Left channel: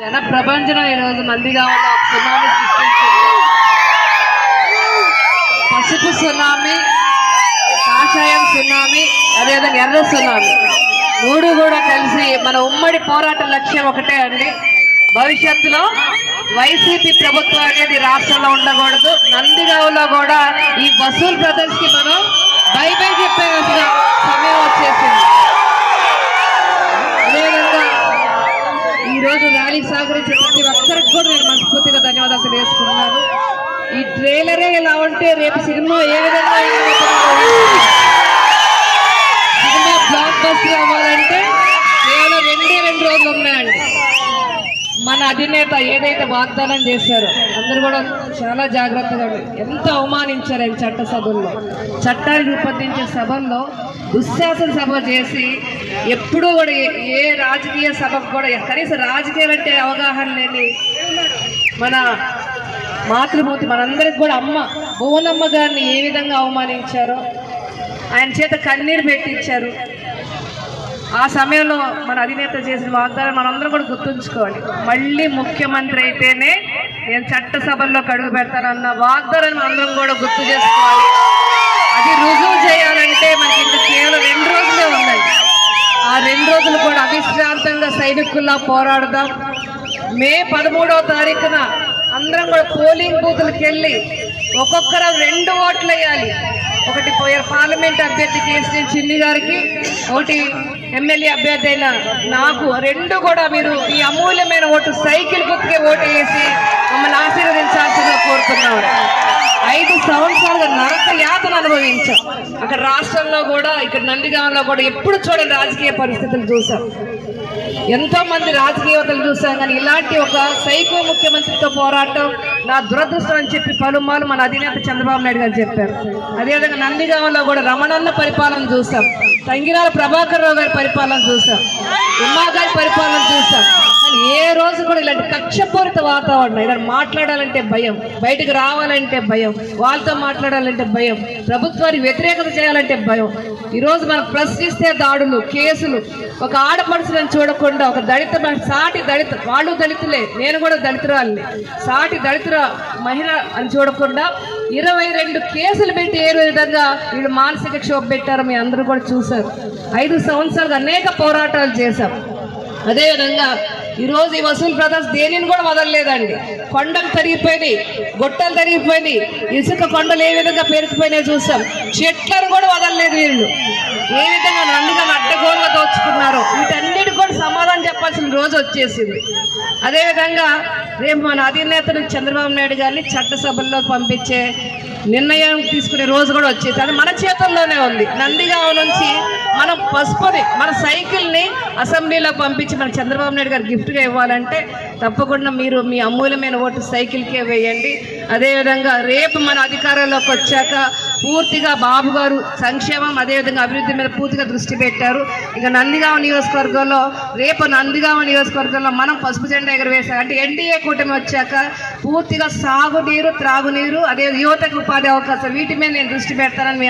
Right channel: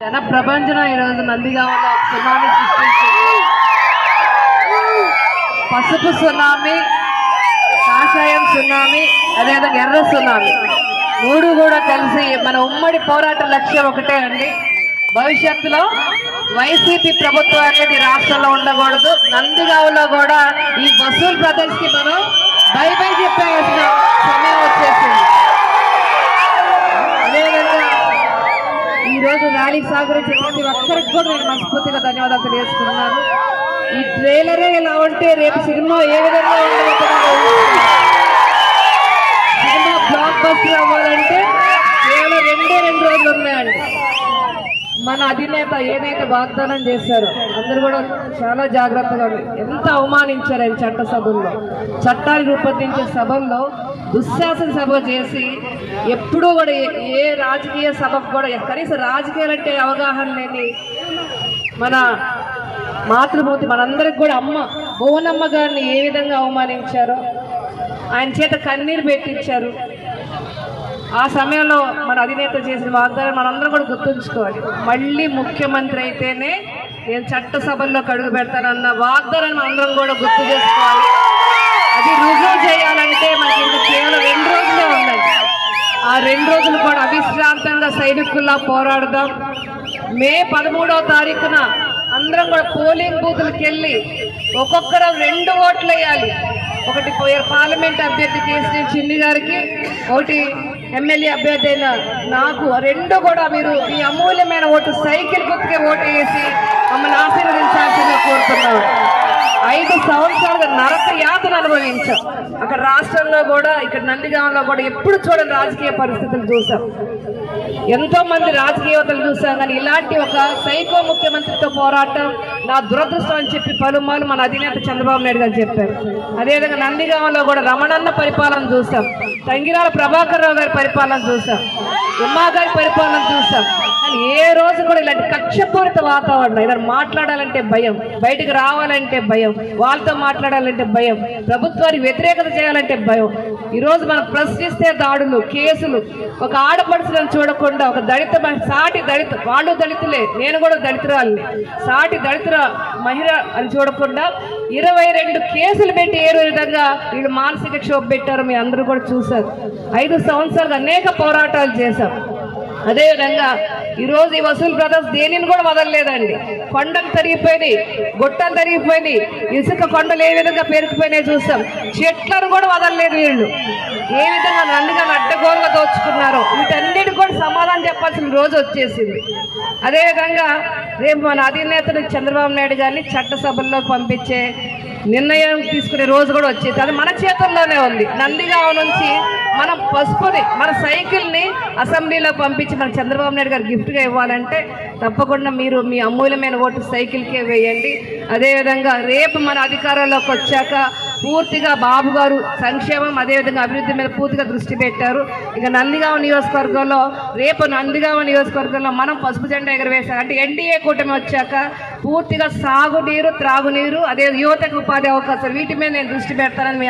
జన ప్రపంచం ఈరోజు నందిగామలో సునామీ సృష్టించింది. పసుపు సునామీ, కాషాయం సునామీ, అదేవిధంగా ఎర్ర సునామీ మూడు కూడా కలిసి మన ఉమ్మడి పోరాట లక్ష్యం ఒకటే అండి. భవిష్యత్తులో వైసీపీ ప్రభుత్వం అనేది రాష్ట్రంలో ఉండకూడదు. నందిగామలో కూడా ఈ వసూల్ బ్రదర్స్ కి మనం బై బై చెప్పాల్సిన సమయం వచ్చేసింది. అదేవిధంగా ఈరోజు ర్యాలీకి సహకరించిన ప్రతి ఒక్కరికి కూడా నేను మనస్ఫూర్తిగా ధన్యవాదాలు తెలియజేసుకున్నాను. ఈ ట్రైలరే ఇలా ఉంటే రేపు సినిమా ఏ విధంగా ఉండబోతుందో, సినిమా బ్లాక్ బస్టర్ అవ్వాలంటే కేవలం 2 రోజులు ఉన్నాయండి. మన అధినేత ఏదైతే వాగ్దానం చేశారో అందరూ కూడా చాలా జాగ్రత్తగా ఎంత అవమానించారు ఆయన చట్టసభల్లో. చట్టాన్ని రూపొందించే సభల్లో దుశ్శాసన సభ చేసి ఎప్పుడూ కూడా ఏ రాజకీయ సభకు కూడా కనీసం రాజకీయాలంటే అవగాహన లేని మన మాతృమూర్తి మనందరికి కూడా అమ్మ భువనమ్మ గారిని ఏ విధంగా అవమానించారో, ఆయన చేత కన్నీరు పెట్టించారు. ఆ సమయంలో మన అధినేత చేసిన వాగ్దానం మనందరం కూడా గుర్తుంచుకోవాలి. మళ్ళీ ముఖ్యమంత్రి అయితేనే నేను చట్టసభల్లో అడుగు పెడతానన్న వాగ్దానాన్ని మనందరం కూడా గుర్తు చేసుకోవాలి. అది రుజువు చేయాలంటే మనకి ఇంకా కేవలం 2 రోజులే ఉన్నాయి. ఆ 2 రోజులు కూడా అవిశ్రాంతంగా సైనికుల్లా పోరాడదాం. మే 13వ తారీఖున అందరం కూడా పోలింగ్ బూతులకు వెళ్ళి ఒక్కొక్కరు 2 ఓట్లు వేయాలి. ఒకటి పార్లమెంట్ అభ్యర్థి కేసీ చిన్ని గారికి, ఒకటి ఎమ్మెల్యే అభ్యర్థి అయిన నాకు. 2 కూడా మీరు ఈ అమూల్యమైన ఓటు సైకిల్ గుర్తుకే ఓటు వేసి మమ్మల్ని ఆశీర్వదించాల్సిందిగా కోరుతున్నాం. 5 సంవత్సరాలుగా నరక యాతన అనుభవించాం. అక్కడ రాష్ట్రంలో కూడా ఇక్కడ నందిగామలో కూడా ఎప్పుడు చూడని రాజకీయ పరిస్థితులు చూసాం. ఎంతో మంది రాజకీయవేత్తలు చూసాం, కానీ ఇలాంటి ఒక సైకో ముఖ్యమంత్రితో పోరాటం నా దురదృష్టం అని చెప్పి పలుమార్లు మన అధినేత చంద్రబాబు నాయుడు గారు చెప్పారు. అదేవిధంగా నందిగామలో కూడా రమణన్న పరిపాలన చూసాం, తంగిరాల ప్రభాకర్ రావు గారి పరిపాలన చూసాం, ఉమ్మా గారి పరిపాలన చూసాం. కానీ ఏ రోజు కూడా ఇలాంటి కక్షపూరిత వాతావరణం, ఇలా మాట్లాడాలంటే భయం, బయటకు రావాలంటే భయం, వాళ్ళతో మాట్లాడాలంటే భయం, ప్రభుత్వానికి వ్యతిరేకత చేయాలంటే భయం. ఈరోజు మనం ప్రశ్నిస్తే దాడులు, కేసులు, ఒక ఆడపడుచులను చూడకుండా ఒక దళిత సాటి దళిత, వాళ్ళు దళితులే, నేను కూడా దళితురాలని, సాటి దళితుల మహిళ అని చూడకుండా 22 కేసులు పెట్టి ఏ విధంగా వీళ్ళు మానసిక క్షోభ పెట్టారో మీ అందరూ కూడా చూశారు. 5 సంవత్సరాలుగా అనేక పోరాటాలు చేశాం. అదేవిధంగా ఈరోజు ఈ వసూల్ బ్రదర్స్ దేనిని కూడా వదలలేదండి. కొండలు తరిగిపోయినాయి, గొట్టలు తరిగిపోయినాయి, ఇసుక కొండలు ఏ విధంగా పెరిగిపోయినాయి చూసాం. చెట్లను కూడా వదలలేదు వీళ్ళు. ఏ విధంగా నందిగామని అడ్డగోలుగా దోచుకున్నారో వీటన్నిటికి కూడా సమాధానం చెప్పాల్సిన రోజు వచ్చేసింది. అదేవిధంగా రేపు మన అధినేతను చంద్రబాబు నాయుడు గారిని చట్టసభల్లోకి పంపించే నిర్ణయం తీసుకునే రోజు కూడా వచ్చేది. అది మన చేతుల్లోనే ఉంది. నందిగామ నుంచి మనం పసుపుని, మన సైకిల్ని అసెంబ్లీలోకి పంపించి మన చంద్రబాబు నాయుడు గారు గిఫ్ట్గా ఇవ్వాలంటే తప్పకుండా మీరు మీ అమూల్యమైన ఓటు సైకిల్కే వేయండి. అదేవిధంగా రేపు మన అధికారంలోకి వచ్చాక పూర్తిగా బాబు గారు సంక్షేమం అదేవిధంగా అభివృద్ధి మీద పూర్తిగా దృష్టి పెట్టారు. ఇక నందిగామ నియోజకవర్గంలో రేపు నందిగామ నియోజకవర్గంలో మనం పసుపు జెండా ఎగరవేశాం. అంటే ఎన్డీఏ కూటమి వచ్చాక పూర్తిగా సాగునీరు, త్రాగునీరు, అదే యువతకు ఉపాధి అవకాశం, వీటి మీద నేను దృష్టి పెడతానని మీ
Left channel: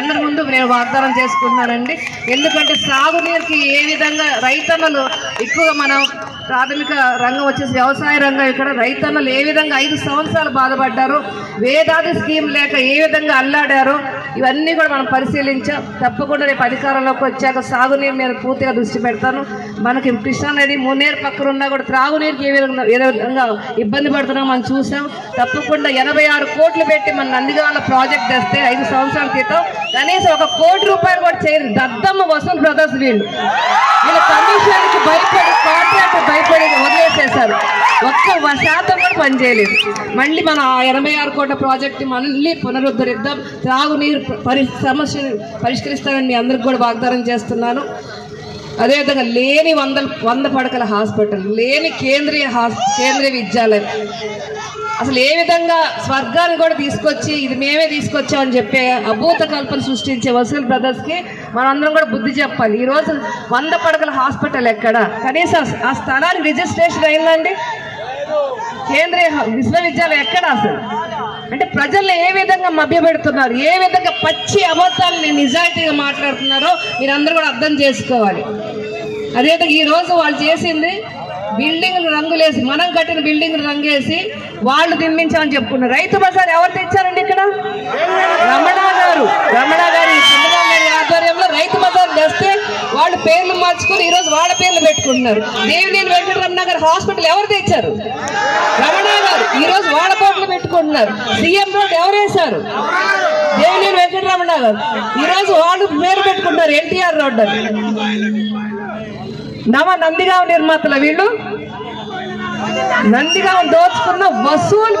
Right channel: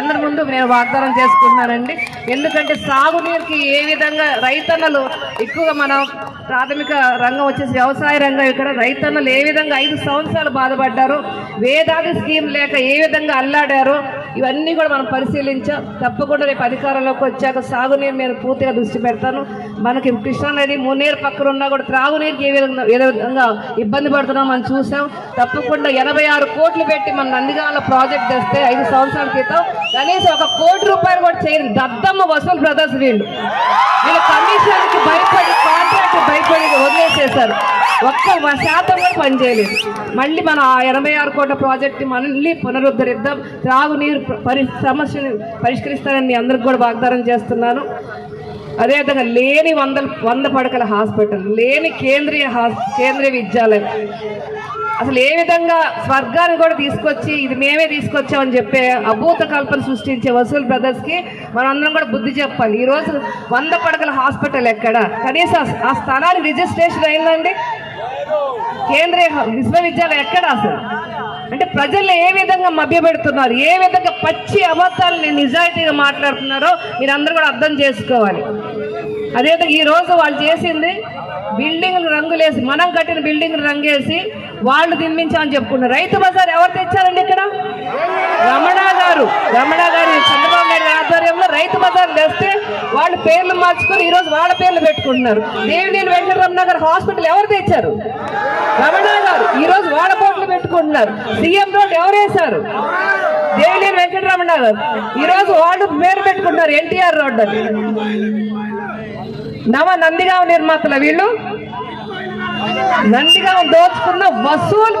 అందరి ముందు నేను వాగ్దానం చేసుకుంటున్నానండి. ఎందుకంటే సాగునీరుకి ఏ విధంగా రైతన్నలు ఎక్కువగా మనం ప్రాథమిక రంగం వచ్చేసి వ్యవసాయ రంగం, ఇక్కడ రైతన్నలు ఏ విధంగా 5 సంవత్సరాలు బాధపడ్డారో, వేదాది స్కీమ్ లేక ఏ విధంగా అల్లాడారో ఇవన్నీ కూడా మనం పరిశీలించాం. తప్పకుండా రేపు అధికారంలోకి వచ్చాక సాగునీరు మీద పూర్తిగా దృష్టి పెడతాను. మనకి కృష్ణానది మున్నేరు పక్కన ఉన్నా కూడా త్రాగునీరుకి ఏ విధంగా ఇబ్బంది పడుతున్నాం మనం చూసాం. తప్పకుండా 86 కోట్లు పెట్టి మన నందిగామలో ప్రాజెక్ట్ తెస్తే 5 సంవత్సరాల క్రితం కనీసం 1 కోటి రూపాయలు కూడా చేయరు. దద్దమ్మ వసూల్ బ్రదర్స్ వీళ్ళ కమిషన్కి భయపడి, కాంట్రాక్ట్ భయపడి వదిలేసేశారు. 1% కూడా పనిచేయలేదు. మళ్ళీ మనం ఆ 86 కోట్ల ప్రాజెక్టు మళ్ళీ పునరుద్ధరిద్దాం. త్రాగునీరు సమస్యను పరిష్కరిస్తానని మీ అందరికి కూడా వాగ్దానం చేస్తున్నాను. అదేవిధంగా లేని 100 పడకల హాస్పిటల్, లేని కేంద్రీయ విద్యాలయం, అసలు ఏ విధంగా స్వర్గాన్ని కూడా తీసుకొచ్చి ఇది మేమే తీసుకొచ్చామని చెప్పే అభూత కల్పన సృష్టించే వసూల్ బ్రదర్స్కి మనం అందరం కూడా బుద్ధి చెప్పాలి. ఈరోజు 100 పడకల హాస్పిటల్ ఎక్కడ, కనీసం ఆ స్థలానికి రిజిస్ట్రేషన్ అయిందండి? కేంద్రీయ విశ్వవిద్యాలయం ఎక్కడ అసలు? అంటే ప్రజల్ని ఏ విధంగా మభ్యపెడుతున్నారు, ఏ విధంగా పచ్చి అబద్ధాలని నిజాయితీగా మాట్లాడుతున్నారో మీరందరూ కూడా అర్థం చేసుకోవాలి. అదేవిధంగా ఈరోజు వాళ్ళు చేసింది బిల్డింగ్లు రంగులేసి, మనం కట్టిన బిల్డింగ్ రంగేసి వాళ్ళు నిర్మించామని చెప్పుకున్నారు. రైతు బజార్ ఎవరు తెచ్చారండి? ఇక్కడ రమణ గారు చంద్రబాబు నాయుడు ఆధ్వర్యంలో రైతు బజార్ తెస్తే వాళ్ళు పేర్లు మార్చుకొని ఈరోజు వాళ్ళ పేర్లు పెట్టుకుంటున్నారు. దేవినేని వెంకటరమణ గారు హాస్పిటల్ ఎవరు తెచ్చారు? రమణ గారు. ఈరోజు వాళ్ళ పేర్లు పెట్టుకుంటున్నారు. సీఎం రోడ్ ఎవరు వేశారు? దేవినేని వెంకటరమణ గారు. ఈరోజు వాళ్ళు పేరు పెట్టుకుంటున్నారు ఎన్టీఆర్ రోడ్ అని. నందిగామ నిర్మాతల వీళ్ళు నందిగామ దోచుకున్న వసూలు